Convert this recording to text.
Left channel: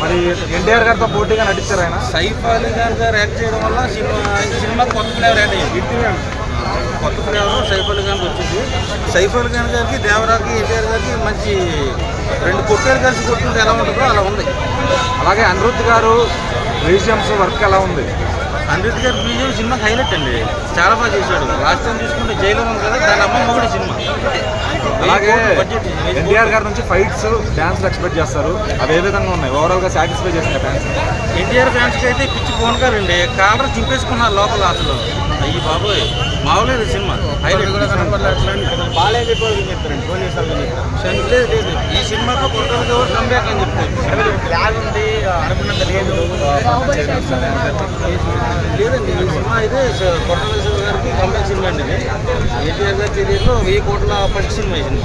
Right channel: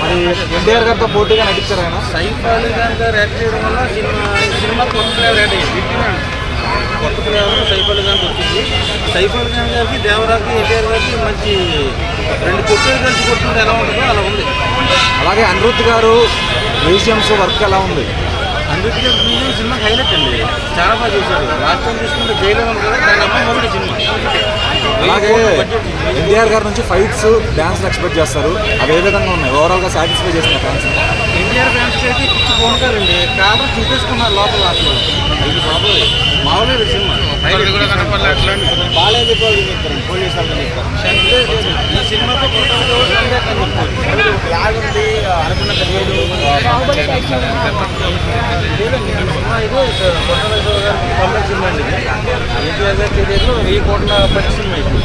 మరి ఎన్టీఆర్ గారితో పోటీగా నటిస్తారు ఆయన. సైఫ్ అలీ ఖాన్ గారు యాక్ట్ చేయడం వల్ల సినిమా కొత్త ఫ్లేవర్ యాడ్ అయ్యింది. కొత్త ఫ్లేవర్ సైఫ్ అలీ ఖాన్ వచ్చింది. సైఫ్ అలీ ఖాన్ గారికి దేవరాకి ఎన్టీఆర్ గారికి మంచి రెండు కొట్టేలు కలిసి కొట్టుకుంటే ఎలా ఉంటుందో అలా ఉంది. అలాగే అనిరుద్ధ్ గారు మ్యూజియంస్ వర్క్ ఎలా ఉంది? అనిరుద్ధ్ గారి మ్యూజియం సినిమాకి హైలైట్ అండి, చాలా బాగా చేశాడు. లాస్ట్ టైం చూసుకుంటే జైలు ఉంది కదా, దాని అమ్మ మొదటి సినిమా. అలాగే ఎన్టీఆర్ గారి నుంచి ఫైట్స్ డ్యాన్స్ ఎక్స్పెక్ట్ చేస్తారు, అవి ఏ విధంగా ఉన్నాయి? ఓవరాల్గా సాటిస్ఫై చేసిన ఫ్యాన్స్. ఎన్టీఆర్ ఫ్యాన్స్కి అయితే పిచ్చి ఫోన్ కాలండి, కాలర్ చింపేసుకున్నారు లోపల. అసలు అయ్యి బాబోయ్ మామూలు సినిమా. బాగాలేదు చెప్తారండి, పోలీసు వాళ్ళని చెప్తారు. లేదు ఈ సినిమాతో కొత్తగా కంబ్యాక్ అని చెప్పుకోవచ్చు. ఉంది అనుకున్నంత లేదు లేదండి. ఈ సినిమా అయితే కొట్టల శివ గారికి కంబ్యాక్ సినిమా అండి. ఎన్టీఆర్ గారి కెరీర్లో 1000 కోట్ల పట్టి సినిమా ఇది.